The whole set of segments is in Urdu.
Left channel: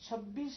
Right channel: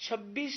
26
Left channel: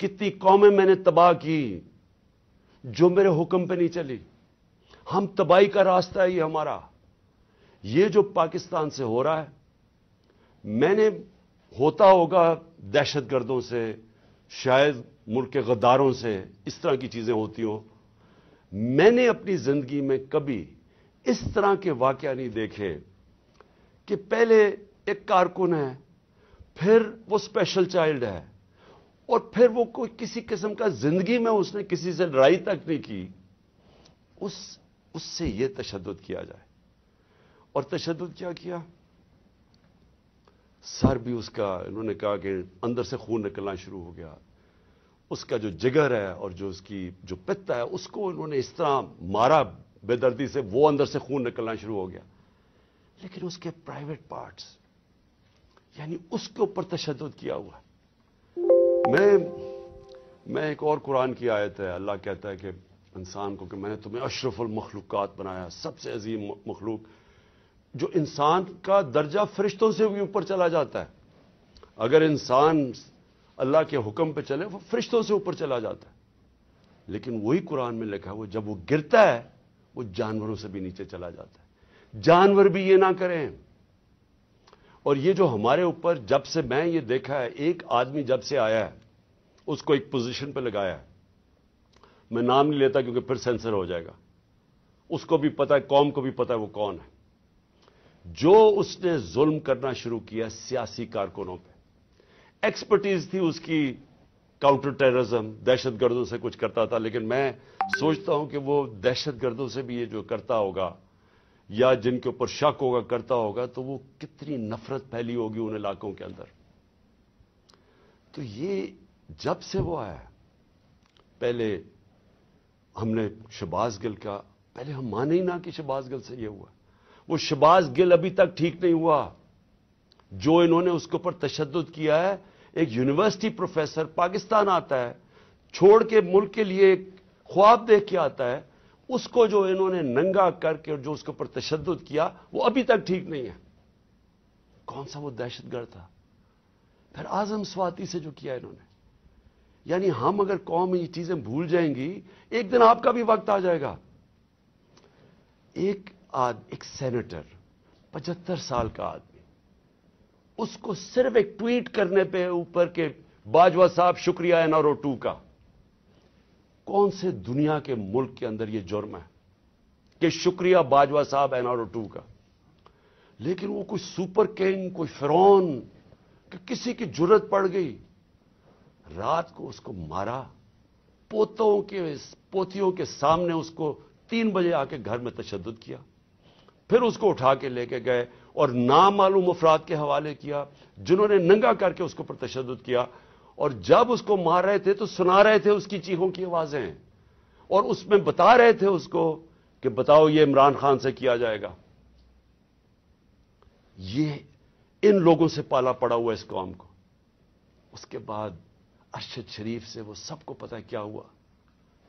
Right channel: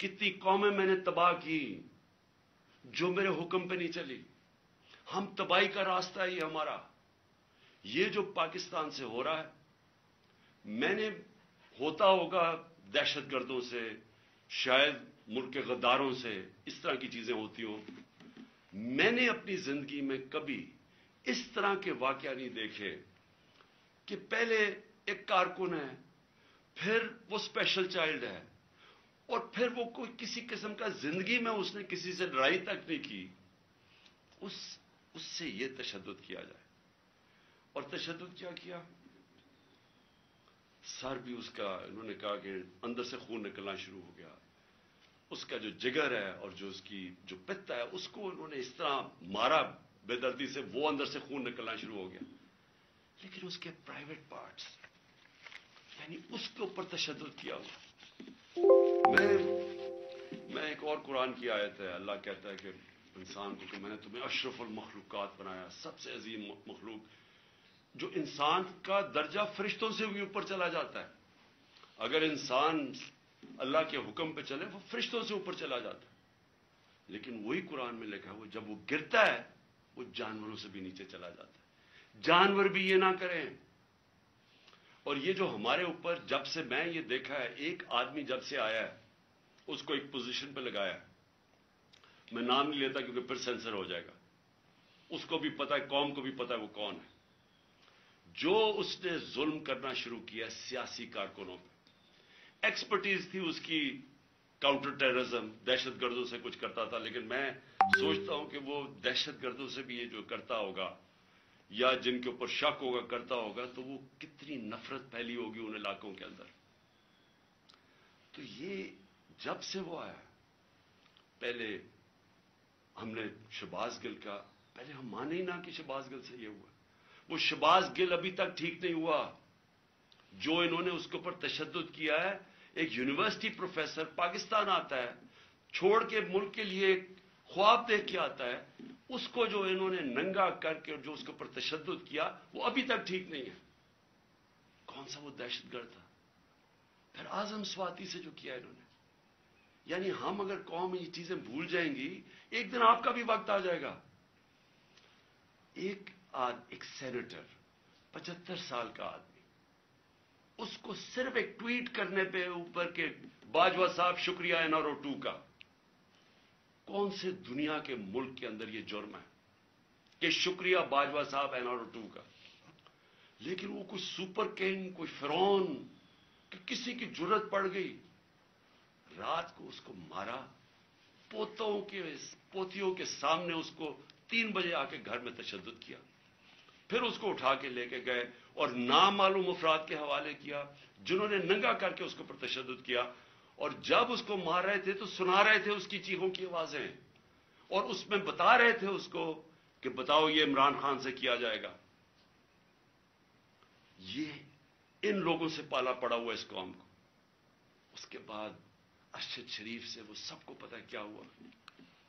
کتنی قومیں میں نے تباہ کی جو میرے حکم پہ نہیں چلی. ہم تباہی کا راستہ ہے یہ ہمارا. یہ جو پاکستان سے ہو رہا ہے، میں نے ہوتا ہوگا دہشت گردوں سے، شاید ملک کے غداروں سے، اس طرح کی چیزیں ہوتی ہوں. میں نے اپنی زندگی میں کبھی اس طرح کے واقعہ نہیں دیکھے کہ پہلے ایک کارکن ہے، پھر وہ اسپیشل چائلڈ ہے، اور پھر وہ کوئی کسی قسم کا زندگی میں اس نے کسی سے لڑائی تک نہیں کی، اس سے یہ تشدد کیا جائے. اور تشدد کیا کیا؟ سر بھی اس کا، انہوں نے کہا کہ اندر سے خون نکلنا شروع ہو گیا. اس کا جو جگر ہے اور جو اس کی جو پتا ہے، اس کو انہوں نے اس طرح مارا بے دردی سے، وہ اندر سے خون نکلنا شروع ہو گیا. لیکن اس کے پرائیویٹ پارٹس، یعنی اس کے اوپر تشدد کیا ہوا. میں ایک اور قرآن کی آیت ہے، اللہ کہتا ہے کہ انسان کو کہ میں نے تمہیں اشرف المخلوقات بنایا، سب سے عظیم مخلوق، جو انسان کا درجہ فرشتوں سے بھی اوپر چلا جاتا ہے. اگر انسان اللہ کے حکم پہ چلے وہ فرشتوں سے اوپر چلا جاتا ہے. لیکن وہی قرآن میں لکھا ہے وہ جب وہ گرتا ہے وہ جانوروں سے بھی نیچے چلا جاتا ہے. جانور بھی یہ نہ کریں. اور یہ جو ہمارے اوپر، جب سے میں یہ دیکھا ہے، ایک آدمی جب سے آیا ہے اس کو ایک پوزیشن پہ لگایا ہے، میں نام نہیں لیتا کیونکہ پھر سینسر ہو جائے گا، اس کو بھی پتا ہے، قوم کو بھی پتا ہے وہ کون ہے. جو اس نے ظلم کرنا شروع کیا سیاسی کارکنوں پہ، ایکسپرٹیز تھی اس کی کاؤنٹر ٹیررزم، دہشت گردوں سے کچھ کرتا تھا. لیکن میں سوچتا ہوں کہ وہ دہشت گردوں سے بھی یہ جو کرتا ہوگا یا جن کے اوپر شک ہوگا کرتا ہوگا، تو وہ کتنی نفرت پھیلی ہوگی ان علاقوں کے اندر. تو یہ جب سے وہ آیا، پہلے ہم نے شہباز گل کا، پہلے ہم مانے ہی نہ کہ شہباز گل سے یہ ہوا. وہ شہباز گل ابھی تک ٹھیک نہیں ہوا. جو انہوں نے اس کے اوپر تشدد کیا ہے، ایک یونیورسٹی پروفیسر پاکستان آتا ہے، چھوڑ کے ملک کے لیے ایک خواب دیکھ کے آتا ہے، اس کو جو انہوں نے ننگا کر کے جو اس کے اوپر تشدد کیا وہ ابھی تک ٹھیک نہیں ہے. کون سا وہ دہشت گرد تھا؟ پھر اعظم سواتی سے جو کیا انہوں نے. یعنی ہم اگر قوم یہ چیزیں بھول جائیں گی، ایک دن آپ کا بھی وقت آ جائے گا. ایک سینیٹر 75 سال کا آدمی، اس کو صرف ایک ٹویٹ کرنے پہ اوپر کے باجوہ صاحب شکریہ NRO 2 کا، کون سے دنیا کے ملک کے اندر یہ جرم ہے کہ شکریہ باجوہ صاحب NRO 2 کا؟ لیکن وہ کوئی سپر کنگ، کوئی فرعون کہ کسی کی جرت پڑ گئی، رات کو اس کو مارا، پوتیوں کے سامنے اس کو 3 بجے آ کے گھر میں تشدد کیا، پھر اس کو اٹھا کے لے کے گئے اور نامعلوم افراد کے حوالے کیا جنہوں نے ننگا کر کے اس کے اوپر تشدد کیا. اور جب اس کو مار رہے تھے تو سنا رہے تھے اس کی چیخوں کی آوازیں، اور اس میں بتا رہے تھے اس کو کہ بتاؤ یہ عمران خان سے کیا جائے گا. یہ ان لوگوں سے پالا پڑا ہوا اس قوم کو. اس کے بعد ارشد شریف سے وہ سب کو پتا کیا ہوا.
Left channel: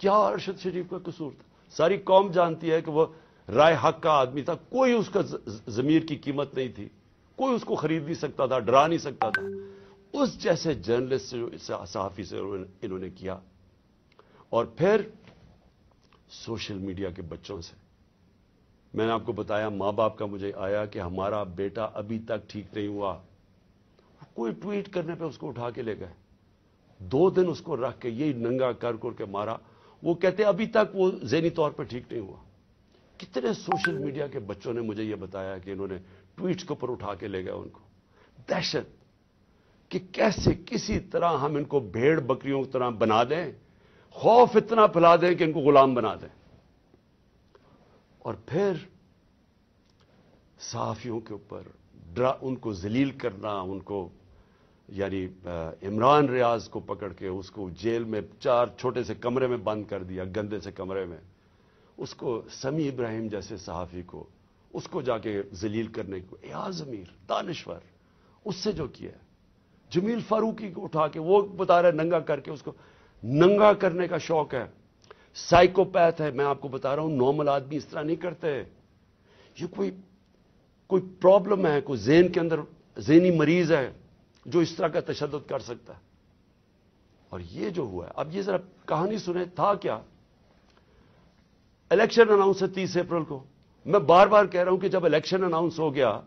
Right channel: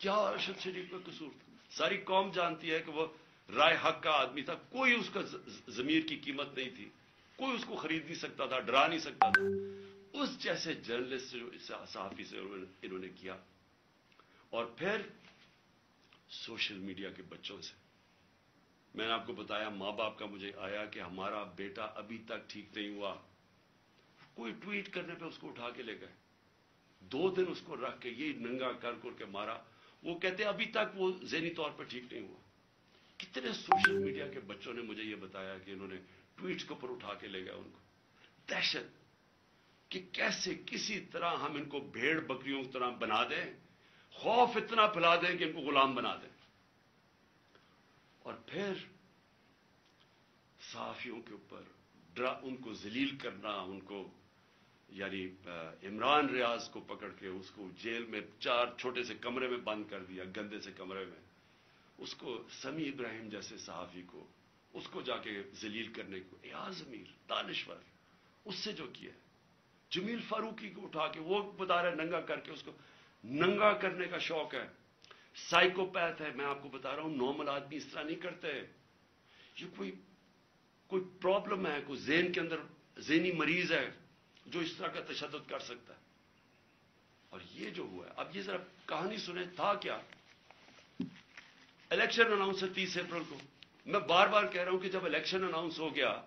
کیا ارشد شریف کا قصور تھا؟ ساری قوم جانتی ہے کہ وہ رائے حق کا آدمی تھا، کوئی اس کا ضمیر کی قیمت نہیں تھی، کوئی اس کو خرید نہیں سکتا تھا، ڈرا نہیں سکتا تھا. اس جیسے جرنلسٹ سے، صحافی سے انہوں نے کیا. اور پھر سوشل میڈیا کے بچوں سے، میں نے آپ کو بتایا ماں باپ کا مجھے آیا کہ ہمارا بیٹا ابھی تک ٹھیک نہیں ہوا. کوئی ٹویٹ کرنے پہ اس کو اٹھا کے لے گئے، 2 دن اس کو رکھ کے یہ ننگا کر کے مارا. وہ کہتے ابھی تک وہ ذہنی طور پر ٹھیک نہیں ہوا. کتنے سوشل میڈیا کے بچوں نے مجھے یہ بتایا کہ انہوں نے ٹویٹس کے اوپر اٹھا کے لے گئے ان کو. دہشت کہ کیسے کسی طرح ہم ان کو بھیڑ بکریوں کی طرح بنا دیں، خوف اتنا پھیلا دیں کہ ان کو غلام بنا دیں. اور پھر صحافیوں کے اوپر ان کو ذلیل کرنا، ان کو یعنی عمران ریاض کو پکڑ کے اس کو جیل میں 4 چھوٹے سے کمرے میں بند کر دیا، گندے سے کمرے میں. اس کو سمیع ابراہیم جیسے صحافی کو اس کو جا کے ذلیل کرنے کو، ایاز امیر دانشور اس سے جو کیا ہے. جمیل فاروقی کو اٹھا کے وہ بتا رہا ہے ننگا کر کے، اس کو ننگا کرنے کا شوق ہے. سائیکوپیتھ ہے، میں آپ کو بتا رہا ہوں، نارمل آدمی اس طرح نہیں کرتے. یہ کوئی پرابلم ہے، کوئی ذہن کے اندر ذہنی مریض ہے جو اس طرح کا تشدد کر سکتا. اور یہ جو ہوا ہے، اب یہ ذرا کہانی سنیں، تھا کیا؟ الیکشن اناؤنس ہے 30 اپریل کو. میں بار بار کہہ رہا ہوں کہ جب الیکشن اناؤنس ہو گیا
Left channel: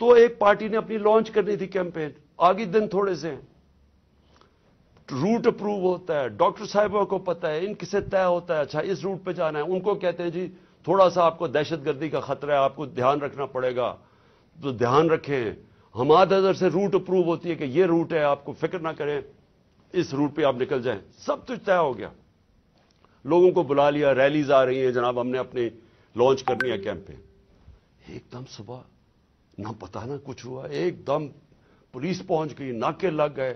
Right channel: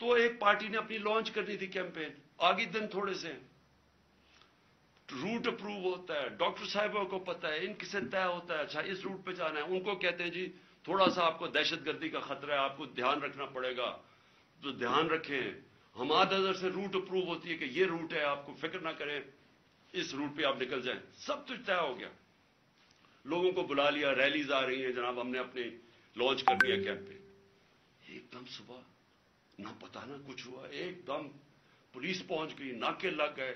تو ایک پارٹی نے اپنی لانچ کرنی تھی کیمپین. آگے دن تھوڑے سے ہیں، روٹ اپروو ہوتا ہے، ڈاکٹر صاحبوں کو پتا ہے، ان کسے طے ہوتا ہے اچھا اس روٹ پہ جانا ہے. ان کو کہتے ہیں جی تھوڑا سا آپ کو دہشت گردی کا خطرہ ہے، آپ کو دھیان رکھنا پڑے گا، تو دھیان رکھیں. حماد اظہر سے روٹ اپروو ہوتی ہے کہ یہ روٹ ہے، آپ کو فکر نہ کریں، اس روٹ پہ آپ نکل جائیں. سب کچھ طے ہو گیا، لوگوں کو بلا لیا، ریلیز آ رہی ہیں، جناب ہم نے اپنی لانچ کرنی ہے کیمپین. ایک دم صبح نہ پتا نہ کچھ ہوا، ایک دم پولیس پہنچ گئی، ناکے لگ گئے.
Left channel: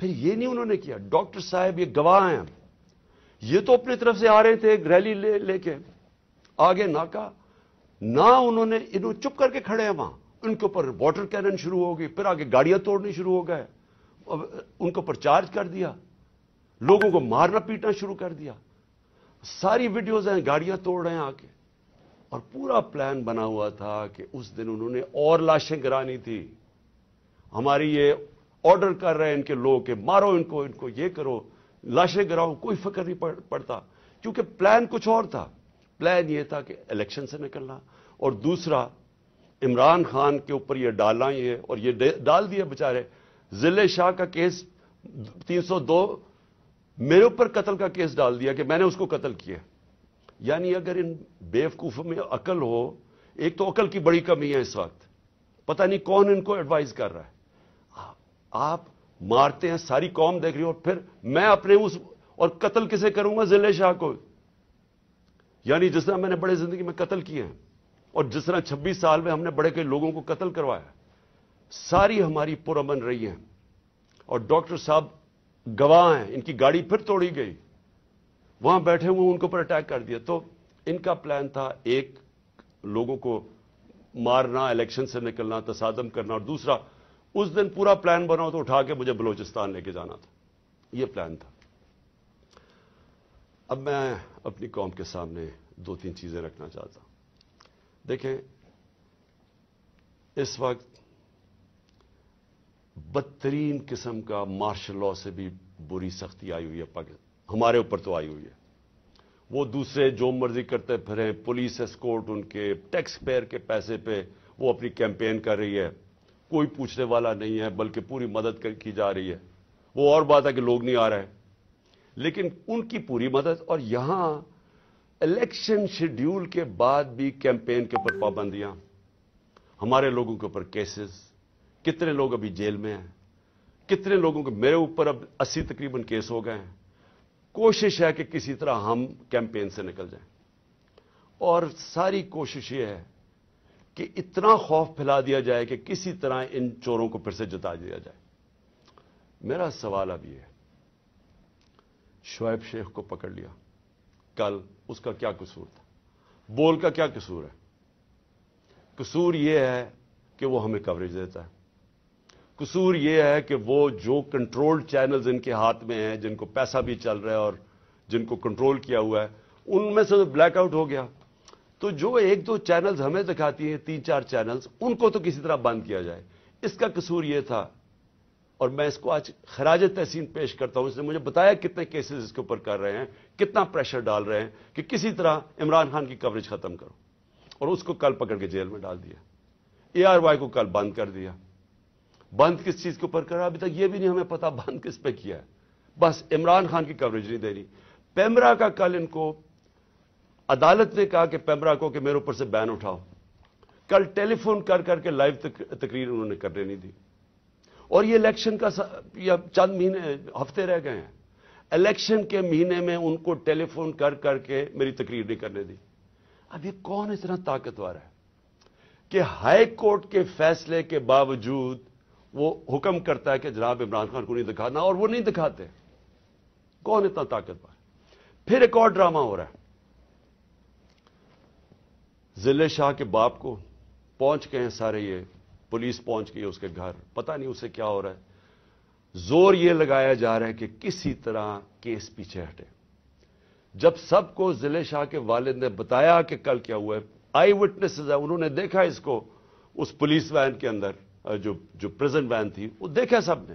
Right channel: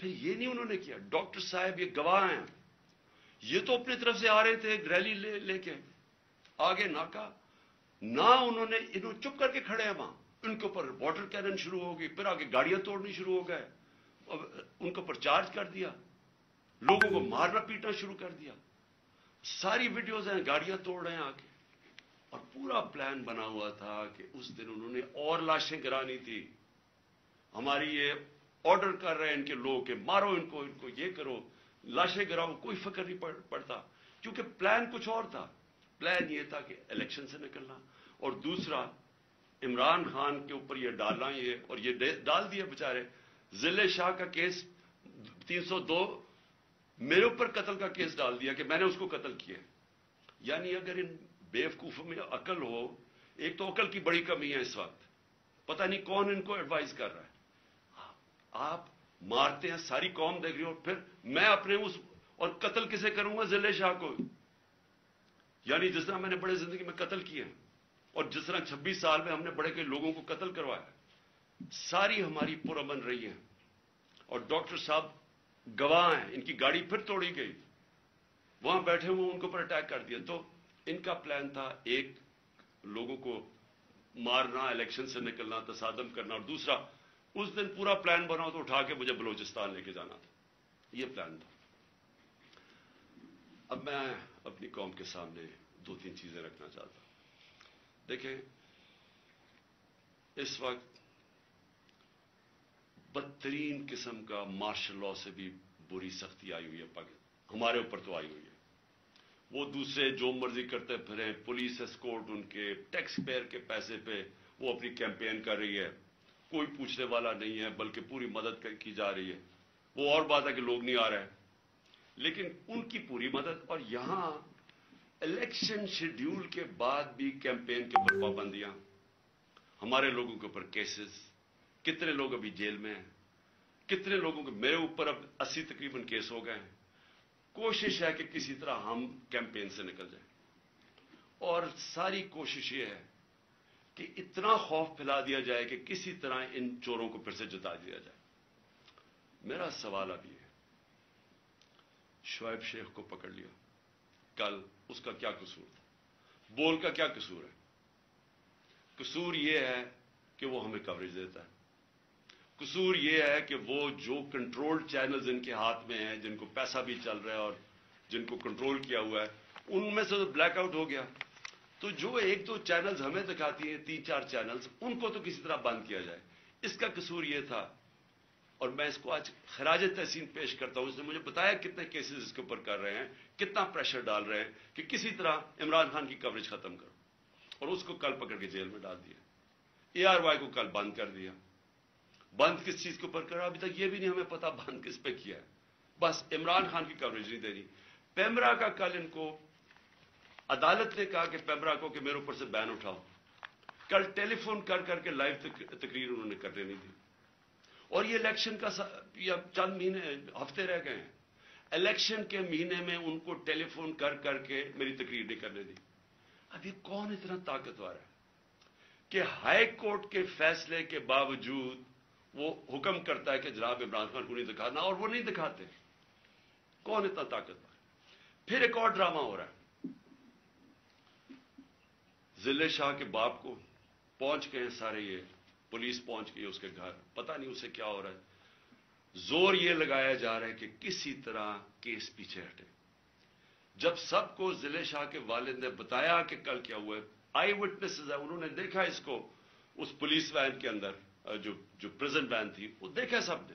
پھر یہ نہیں انہوں نے کیا، ڈاکٹر صاحب یہ گواہ ہیں، یہ تو اپنی طرف سے آ رہے تھے ایک ریلی لے کے، آگے ناکا نہ انہوں چپ کر کے کھڑے ہیں وہاں. ان کے اوپر واٹر کینن شروع ہو گئی، پھر آگے گاڑیاں توڑنی شروع ہو گئے، ان کے اوپر چارج کر دیا، لوگوں کو مارنا پیٹنا شروع کر دیا. ساری ویڈیوز ہیں، گاڑیاں توڑ رہے ہیں آ کے. اور پورا پلان بنا ہوا تھا کہ اس دن انہوں نے اور لاشیں گرانی تھی. ہماری یہ آرڈر کر رہے ہیں ان کے لوگ کہ مارو ان کو یہ کرو، لاشیں گراؤ، کوئی فکر نہیں پڑتا، کیونکہ پلان کچھ اور تھا. پلان یہ تھا کہ الیکشن سے نکلنا، اور دوسرا عمران خان کے اوپر یہ ڈالنا، یہ اور یہ ڈال دیا بیچارے. ضلع شاہ کا کیس 302 میرے اوپر قتل کا کیس ڈال دیا کہ میں نے اس کو قتل کیا. یعنی اگر ان بیوقوفوں میں عقل ہو، ایک تو عقل کی بڑی کمی ہے اس وقت، پتہ نہیں کون ان کو ایڈوائز کر رہا ہے. آپ مارتے ہیں، ساری قوم دیکھ رہی ہو، پھر میں اپنے اور قتل کسے کروں گا؟ ضلع شاہ کو. یعنی جس طرح میں نے بڑے زندگی میں قتل کیے ہیں، اور جس طرح 26 سال میں ہم نے بڑے کے لوگوں کو قتل کروایا، ساری ہماری پرامن رہی ہیں. اور ڈاکٹر صاحب گواہ ہیں، ان کی گاڑی پھر توڑی گئی، وہاں بیٹھے ہوئے ان کے اوپر اٹیک کر دیا. تو ان کا پلان تھا ایک لوگوں کو مارنا، الیکشن سے نکلنا، تصادم کرنا، اور دوسرا اس دن پورا پلان بنا تو اٹھا کے مجھے بلوچستان لے کے جانا تھا. یہ پلان تھا. اب میں اپنی قوم کے سامنے 2-3 چیزیں رکھنا چاہتا ہوں. دیکھیں، اس وقت بدترین قسم کا مارشل لا سے بھی بری سختی آئی ہوئی ہے ہمارے اوپر تو آئی ہوئی ہے. وہ دوسرے جو مرضی کرتے پھریں، پولیس اسکورٹ ان کے ٹیکس پیئر کے پیسے پہ وہ اپنی کیمپین کر رہی ہے، کوئی پوچھنے والا نہیں ہے، بلکہ پوری مدد کی جا رہی ہے. وہ اور بات ہے کہ لوگ نہیں آ رہے، لیکن ان کی پوری مدد. اور یہاں الیکشن شیڈیول کے بعد بھی کیمپین کے اوپر پابندیاں، ہمارے لوگوں کے اوپر کیسز، کتنے لوگ ابھی جیل میں ہیں، کتنے لوگوں کے، میرے اوپر اب 80 تقریباً کیس ہو گئے ہیں. کوشش ہے کہ کسی طرح ہم کیمپین سے نکل جائیں، اور ساری کوشش یہ ہے کہ اتنا خوف پھیلا دیا جائے کہ کسی طرح ان چوروں کو پھر سے جتا دیا جائے. میرا سوال اب یہ ہے، شعیب شیخ کو پکڑ لیا کل، اس کا کیا قصور تھا؟ بول کا کیا قصور ہے؟ قصور یہ ہے کہ وہ ہمیں کوریج دیتا ہے. قصور یہ ہے کہ وہ جو کنٹرول چینلز ان کے ہاتھ میں ہیں، جن کو پیسہ بھی چل رہا ہے اور جن کو کنٹرول کیا ہوا ہے، ان میں سے بلیک آؤٹ ہو گیا. تو جو 1-2 چینلز ہمیں دکھاتی ہیں، 3-4 چینلز، ان کو تو کسی طرح بند کیا جائے. اس کا قصور یہ تھا، اور میں اس کو آج خراج تحسین پیش کرتا ہوں. اس نے مجھے بتایا کتنے کیسز اس کے اوپر کر رہے ہیں، کتنا پریشر ڈال رہے ہیں کہ کسی طرح عمران خان کی کوریج ختم کرو. اور اس کو کل پکڑ کے جیل میں ڈال دیا. ARY کو کل بند کر دیا. بند کس چیز کے اوپر کر رہا ہے ابھی تک یہ بھی نہیں ہمیں پتا بند کس پہ کیا ہے. بس عمران خان کی کوریج نہیں دے رہی. پیمرا کا کل ان کو عدالت نے کہا کہ پیمرا کو کہ میرے اوپر سے بین اٹھاؤ. کل ٹیلی فون کر کے لائیو تقریر انہوں نے کرنے نہیں دی. اور یہ الیکشن کا چند مہینے، ہفتے رہ گئے ہیں. الیکشن کے مہینے میں ان کو ٹیلی فون کر کے میری تقریر نہیں کرنے دی. اب یہ کون اتنا طاقتور ہے کہ ہائی کورٹ کے فیصلے کے باوجود وہ حکم کرتا ہے کہ جناب عمران خان کو نہیں دکھانا، اور وہ نہیں دکھاتے؟ کون اتنا طاقتور؟ پھر ایک اور ڈرامہ ہو رہا ہے. ضلع شاہ کے باپ کو پہنچ گئے ہیں سارے، یہ پولیس پہنچ گئی اس کے گھر، پتہ نہیں اسے کیا ہو رہا ہے. زور یہ لگایا جا رہا ہے کہ کسی طرح کیس پیچھے ہٹے. جب سب کو ضلع شاہ کے والد نے بتایا کہ کل کیا ہوا ہے، آئی وٹنسز ہیں، انہوں نے دیکھا اس کو اس پولیس وین کے اندر، جو پریزنٹ وین تھی، وہ دیکھا سب نے.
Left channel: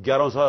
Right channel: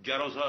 1100